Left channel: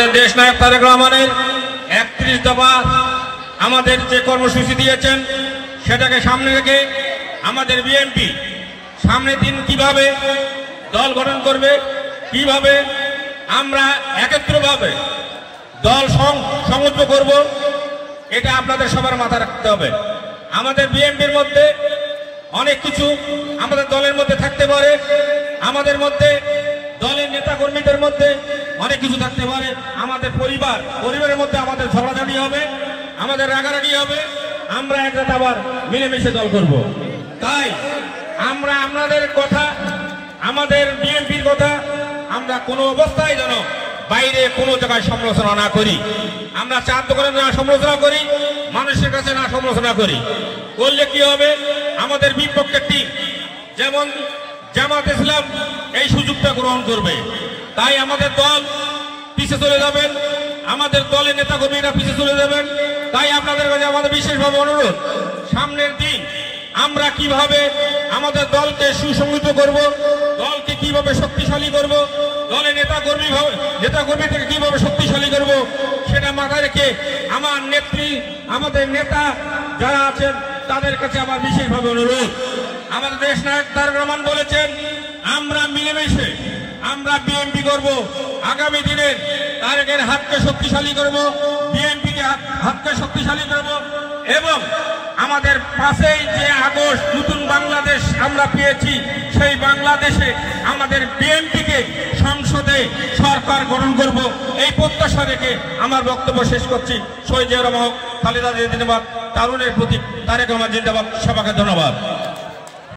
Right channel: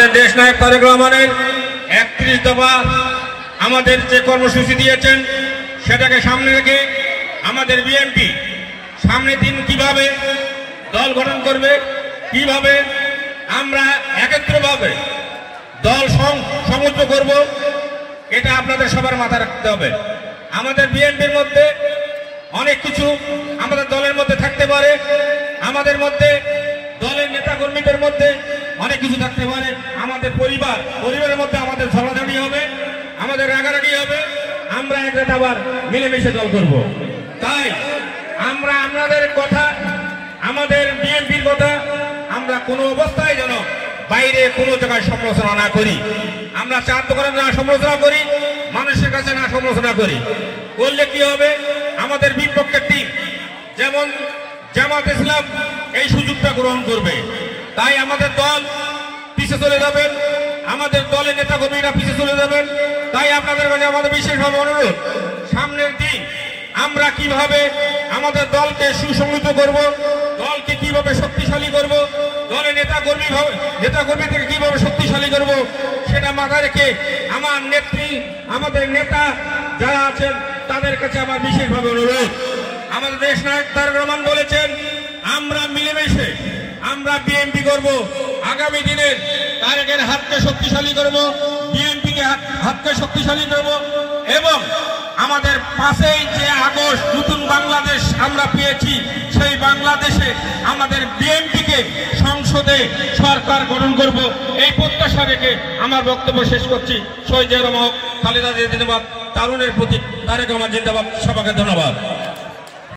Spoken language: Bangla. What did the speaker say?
আমাদের দেশ নায়ক তারেক রহমানের 31 দফা আমাদের যে কর্মসূচি দিয়েছেন সেটাকে সামনে রেখে আমাদের বিএনপি সামনের দিন কিভাবে দল গঠন করবে, কিভাবে আমরা একত্রভাবে দল সমুদ্র করব, এটা আপনাদের সবার মাথায় রাখতে হবে। আমাদের বিএনপির মধ্যে অনেক কিছু আমাদের দলের মধ্যে থাকতে পারে, আমাদের মধ্যে দলের নেতা কর্মীদের মধ্যে অনেক কিছু থাকতে পারে, আমাদের পরিবারের মধ্যে আমাদের ঝগড়াঝাটি হবে, আমাদের রাগারাগি হবে, আমরা এক রাত আবার মিলেমিশে দল করব। তাই আমরা আপনাদের কথা, আমাদের বিএনপির কথা আমরা কোনো অবস্থায় যেন বাইরে কোনো জায়গায় সমালোচনা না করি, আমরা চার দোকানে না সমালোচনা করি, মানুষের কাছে না সমালোচনা করি। করলে কি হবে, আমাদের বিপক্ষের টিম যেমন জামাত ইসলাম এই সুযোগটা গ্রহণ করবে, তাই আমাদের দল পিছিয়ে চলে যাবেন, আমাদের দলের নেতা কর্মীরা পিছিয়ে চলে যাবেন। তাই আপনাদের কাছে আমাদের বিশেষভাবে অনুরোধ, সামনের দিন আমরা কিভাবে আমাদের দলকে সুসংগঠিত করব, দলকে কিভাবে শক্তিশালী করব, দলের নেতা কর্মীদেরকে কিভাবে শক্তিশালী করব, সেটা মাথায় রেখে আমার নেত্রী, আমাদের নেতা যারা আছেন তাদের কাছে আমার বিশেষভাবে অনুরোধ। আমাদের দেশ নায়ক তারেক রহমান বলেছেন আমরা মিলেমিশে আমরা বিএনপি করব, আগামী দিনে তারেকের হাতকে শক্তিশালী করব, বিএনপিকে হাতকে শক্তিশালী করব এবং আমাদের 5ই যে আগস্ট নতুন বাংলাদেশ আমরা পেয়েছি, সেই বাংলাদেশে আমাদের বিএনপিকে সংসদে সরকার গঠন করব, এই প্রত্যাশা রেখে আমার বক্তব্য শেষ করছি। শহীদ জিয়া রহমান, খালেদা জিয়া জিন্দাবাদ, তারুণের প্রতীক তারেক রহমান জিন্দাবাদ। সবাইকে ধন্যবাদ।